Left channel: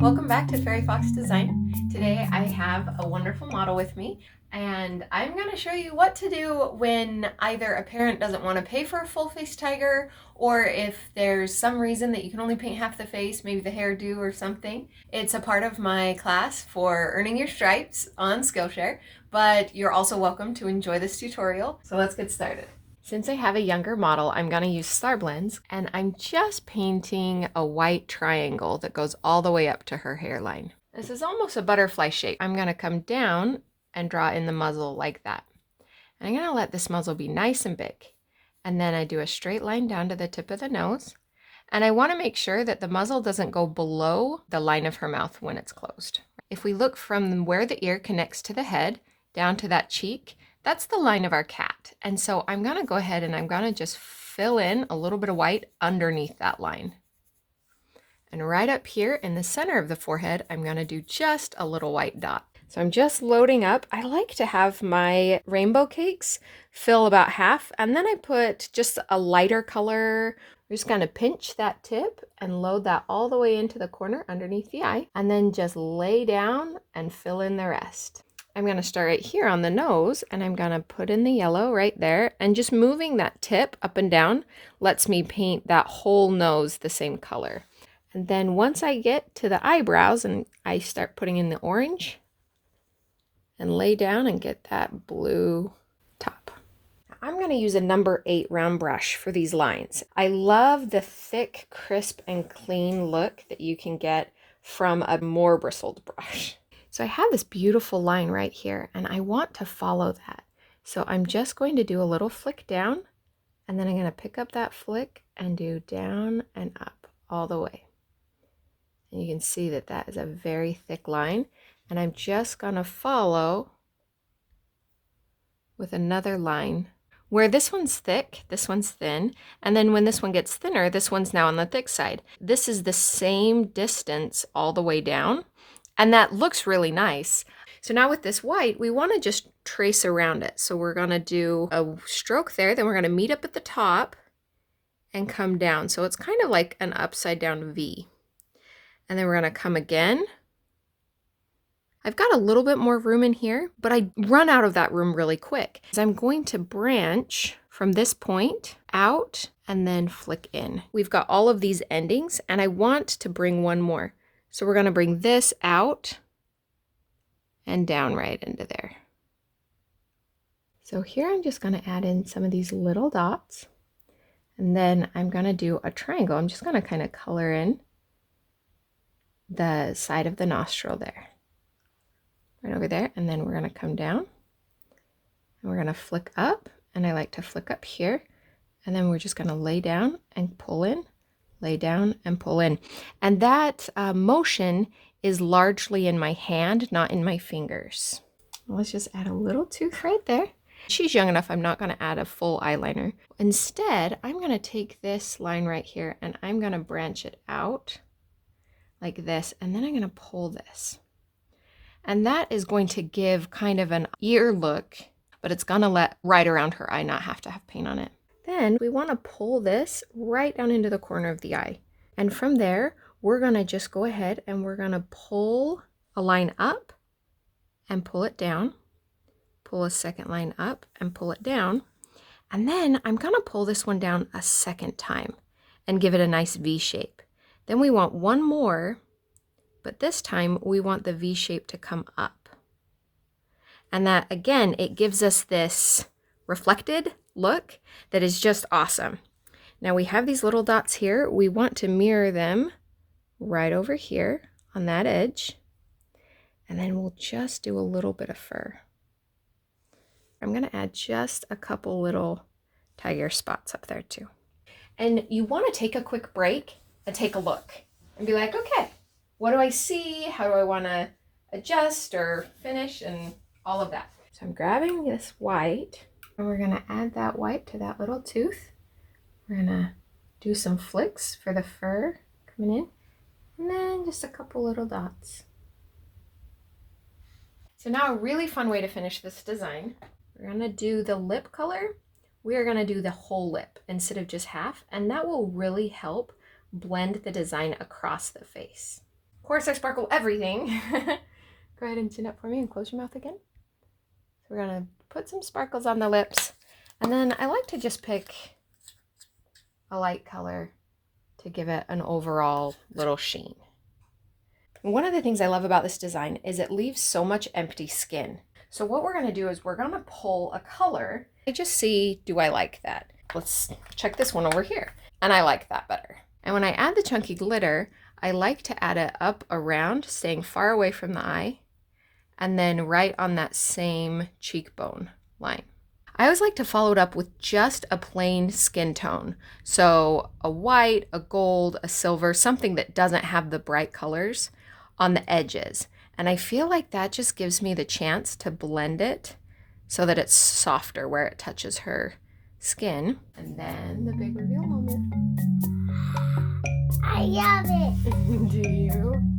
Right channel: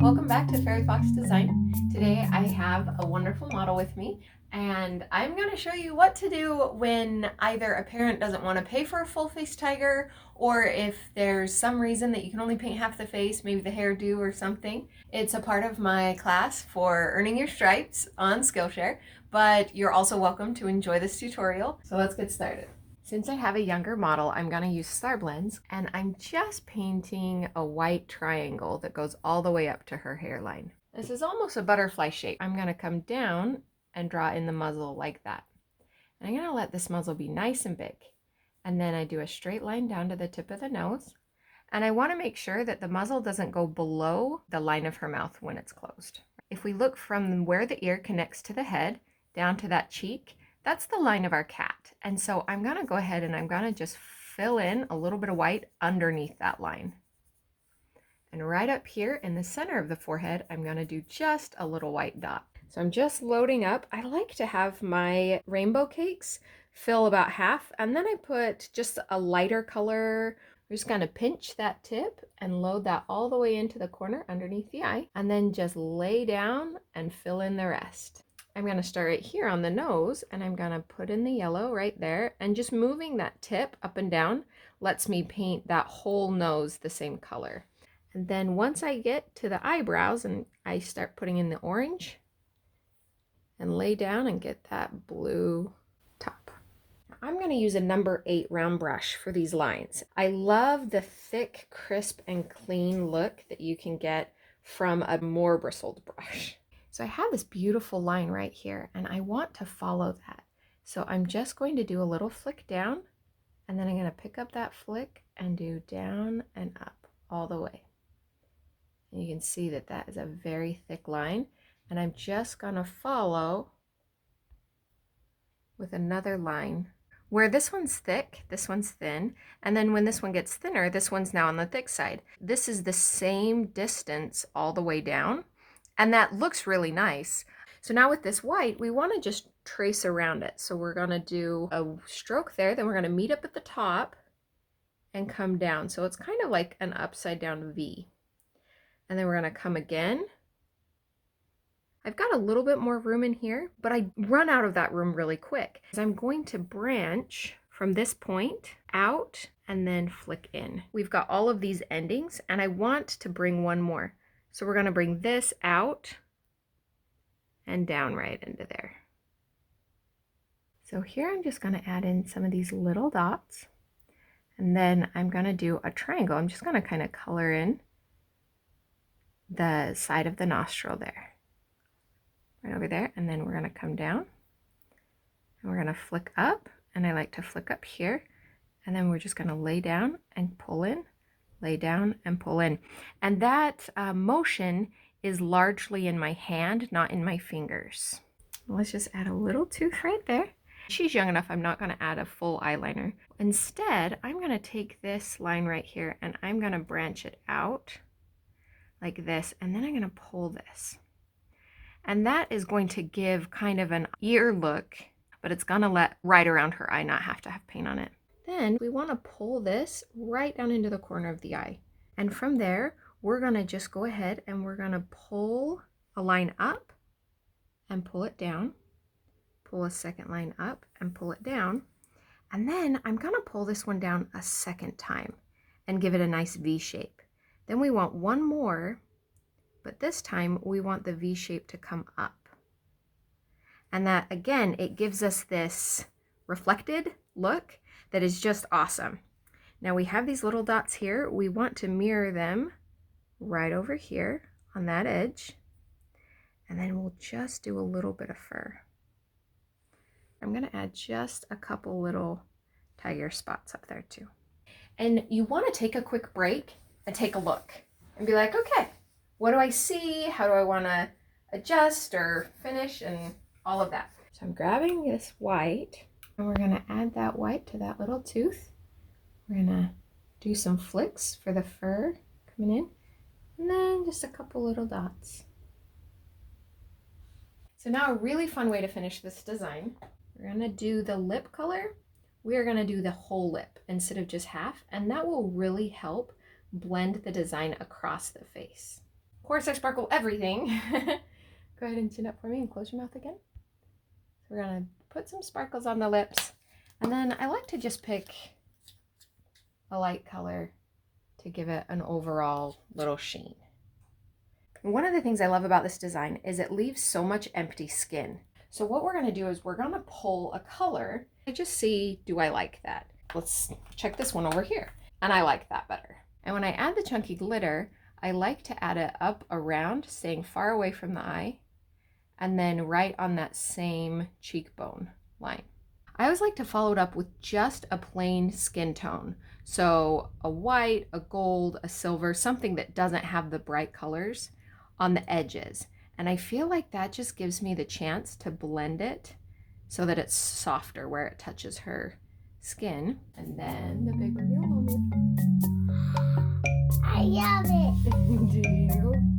Welcome back to Fairy Fox Design. Today I have a wonderful model with me, and I'm going to show you what to do when either a parent doesn't want to pay for a full face tiger, or if there's some reason that you can only paint half the face, maybe the hairdo or something. It's a part of my class for earning your stripes on Skillshare, but you're also welcome to enjoy this tutorial. So let's get started. Since I have a younger model, I'm going to use Star Blends, and I'm just painting a white triangle that goes all the way up to her hairline. This is almost a butterfly shape. I'm going to come down and draw in the muzzle like that. And I'm going to let this muzzle be nice and big. And then I do a straight line down to the tip of the nose. And I want to make sure that the muzzle doesn't go below the line of her mouth when it's closed. If we look from where the ear connects to the head down to that cheek, that's the line of our cat. And so I'm going to go ahead and I'm going to just fill in a little bit of white underneath that line. And right up here in the center of the forehead, I'm going to do just a little white dot. So I'm just loading up. I like to have my rainbow cakes fill about half, and then I put just a lighter color. We're just going to pinch that tip and load that all the way into the corner underneath the eye, and then just lay down and fill in the rest. I'm going to start right here on the nose, and I'm going to put in the yellow right there, and just moving that tip up and down lets me paint that whole nose the same color. And then once I get to the eyebrows and I start putting in the orange and lay down and get that blue top. I'm going to use a number 8 round brush for these lines. I love the thick, crisp, and clean look that you can get from a more bristled brush. So I have this beautiful line right here, and I want to follow that. So I'm just going to do a little flick down, and then I'm going to pick up that flick and do down and up all the way. And you can see that that is a very thick line, and I'm just going to follow with another line where this one's thick, this one's thin, and then when this one gets thinner, this one's now on the thick side. This is the same distance all the way down, and that looks really nice. So now with this white, we want to just trace around it. So we're going to do a stroke there, then we're going to meet up at the top and come down. So it's kind of like an upside down V. And then we're going to come again. I've got a little bit more room in here, but I run out of that room really quick. So I'm going to branch from this point out and then flick in. We've got all of these endings, and I want to bring one more. So we're going to bring this out and down right into there. So here I'm just going to add in some of these little dots, and then I'm going to do a triangle. I'm just going to kind of color in the side of the nostril there. Right over there, and then we're going to come down and we're going to flick up, and I like to flick up here, and then we're just going to lay down and pull in, lay down and pull in, and that motion is largely in my hand, not in my fingers. Let's just add a little tooth right there. She's young enough, I'm not going to add a full eyeliner. Instead, I'm going to take this line right here and I'm going to branch it out like this, and then I'm going to pull this. And that is going to give kind of an ear look, but it's going to let right around her eye not have to have paint on it. Then we want to pull this right down into the corner of the eye. And from there, we're going to just go ahead and we're going to pull a line up and pull it down, pull a second line up and pull it down. And then I'm going to pull this one down a second time and give it a nice V shape. Then we want one more, but this time we want the V shape to come up. And that, again, it gives us this reflected look that is just awesome. Now we have these little dots here. We want to mirror them right over here on that edge. And then we'll just do a little bit of fur. I'm going to add just a couple little tiger spots up there too. And you want to take a quick break and take a look and be like, okay, what do I see? How do I want to adjust or finish and all of that? So I'm grabbing this white, and we're going to add that white to that little tooth. We're going to do some flicks for the fur coming in, and then just a couple little dots. So now a really fun way to finish this design, we're going to do the lip color. We are going to do the whole lip instead of just half, and that will really help blend the design across the face. course I sparkle everything. Go ahead and chin up for me and close your mouth again. So we're gonna put some sparkles on the lips. And then I like to just pick a light color to give it an overall little sheen. One of the things I love about this design is it leaves so much empty skin. So what we're gonna do is we're gonna pull a color. I just see, do I like that? Let's check this one over here. And I like that better. And when I add the chunky glitter, I like to add it up around, staying far away from the eye, and then right on that same cheekbone line. I always like to follow it up with just a plain skin tone. So a white, a gold, a silver, something that doesn't have the bright colors on the edges. And I feel like that just gives me the chance to blend it so that it's softer where it touches her skin. And then the big reveal moment. I love it. Do you?